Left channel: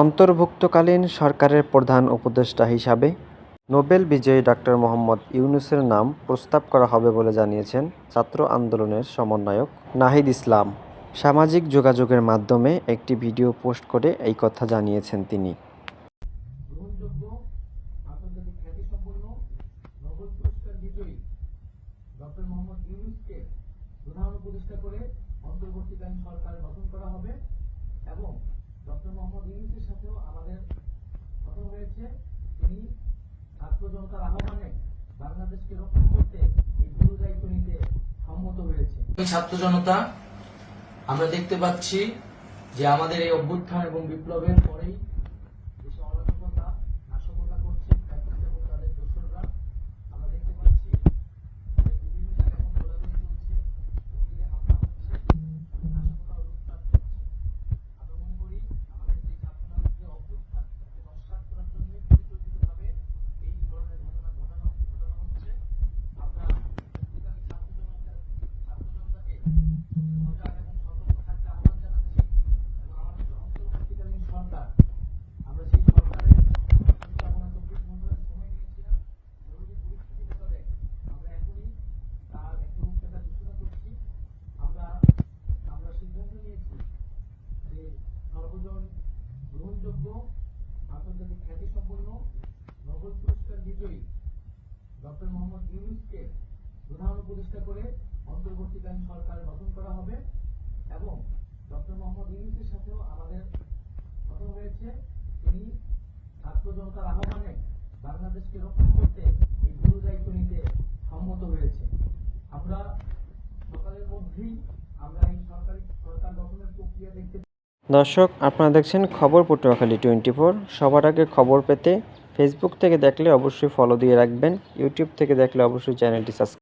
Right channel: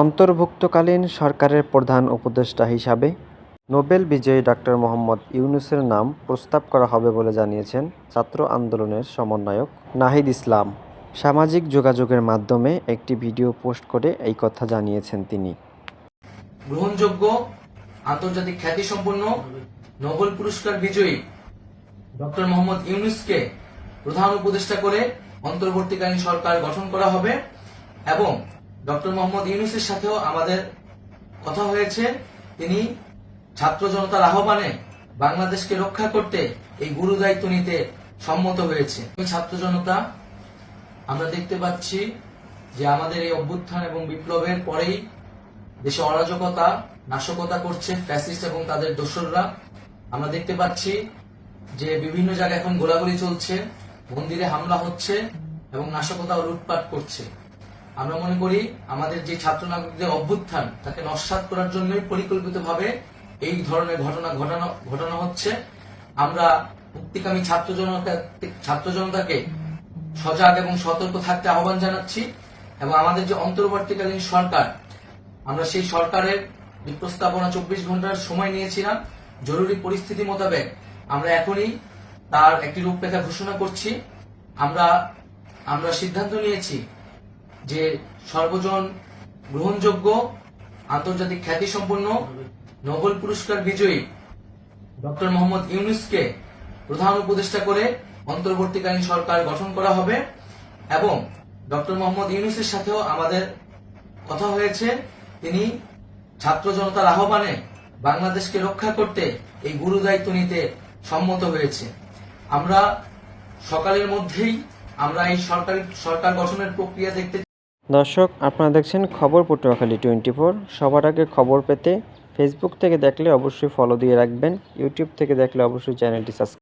অন্তর্ভুক্তিকালীন সরকারের প্রধান উপদেষ্টা হিসাবে নোবেল বিজয়ী ডক্টর মোহাম্মদ ইউনূসের নাম প্রস্তাব করা হবে বলে জানিয়েছেন ছাত্র আন্দোলনের সমন্বয়ক নাহিদ ইসলাম। সামাজিক যোগাযোগের মাধ্যমে একটি ভিডিও পোস্ট করে এই কথা জানিয়েছেন তিনি। গ্রহণযোগ্য আন্তর্জাতিক খ্যাতিসম্পন্ন নোবেল পুরস্কার বিজয়ী ডক্টর মোহাম্মদ ইউনূসকে প্রধান উপদেষ্টা করে অন্তর্বর্তীকালীন সরকার গঠন করা হবে এবং ডক্টর মোহাম্মদ ইউনূসের সাথেও আমাদের কথা হয়েছে। তিনি ছাত্র জনতার আহ্বানে বাংলাদেশকে রক্ষা করতে এই গুরু দায়িত্ব নিতে সম্মত হয়েছে। এই ছাত্র জনতা আমরা দেখতে পাচ্ছি যে আমাদের এই অভ্যুত্থান এবং বিপ্লবের পরেই দেশে অরাজকতা নাশকতা করছে ফ্যাসিস্ট এবং তাদের দোসররা। আমরা দেখতে পাচ্ছি যে বিভিন্ন জায়গায় এখন গোলাগুলি চলছে, মন্দিরে হামলা হচ্ছে এবং নাশকতা ও লুটপাট করছে। আমরা মনে করি আমাদের যে ছাত্র নাগরিকদের অভ্যুত্থান তাকে নস্যাৎ করার জন্যই পরিকল্পিতভাবে এই ধরনের ঘটনা ঘটানো হচ্ছে। আমরা মুক্তিকামী ছাত্র জনতাকে সজাগ এবং সতর্ক থাকতে আহ্বান জানাচ্ছি এবং আমাদের যে অন্তর্বর্তীকালীন সরকার, আমরা সেই সরকারের প্রস্তাবনা 24 ঘন্টার সময় নিয়েছিলাম। জরুরি পরিস্থিতি মোতাবেক আমরা এখনই তার একটি রূপরেখা ঘোষণা করছি। আমরা সিদ্ধান্ত নিয়েছি যে সর্বজন গ্রহণযোগ্য আন্তর্জাতিক খ্যাতিসম্পন্ন নোবেল পুরস্কার বিজয়ী ডক্টর মোহাম্মদ ইউনূসকে প্রধান উপদেষ্টা করে অন্তর্বর্তীকালীন সরকার গঠন করা হবে এবং ডক্টর মোহাম্মদ ইউনূসের সাথেও আমাদের কথা হয়েছে। তিনি ছাত্র জনতার আহ্বানে বাংলাদেশকে রক্ষা করতে এই গুরু দায়িত্ব নিতে সম্মত হয়েছে। আমরা সকালের মধ্যেই আমরা এই সরকার গঠনের প্রক্রিয়া দেখতে। দর্শক, আপনারা দেখছেন খবর পটুয়াখালী 24। সবার আগে খবর পেতে ফেসবুক থেকে দেখলে অবশ্যই ফলো দিয়ে রাখবেন, ইউটিউব থেকে দেখলে অবশ্যই চ্যানেলটি সাবস্ক্রাইব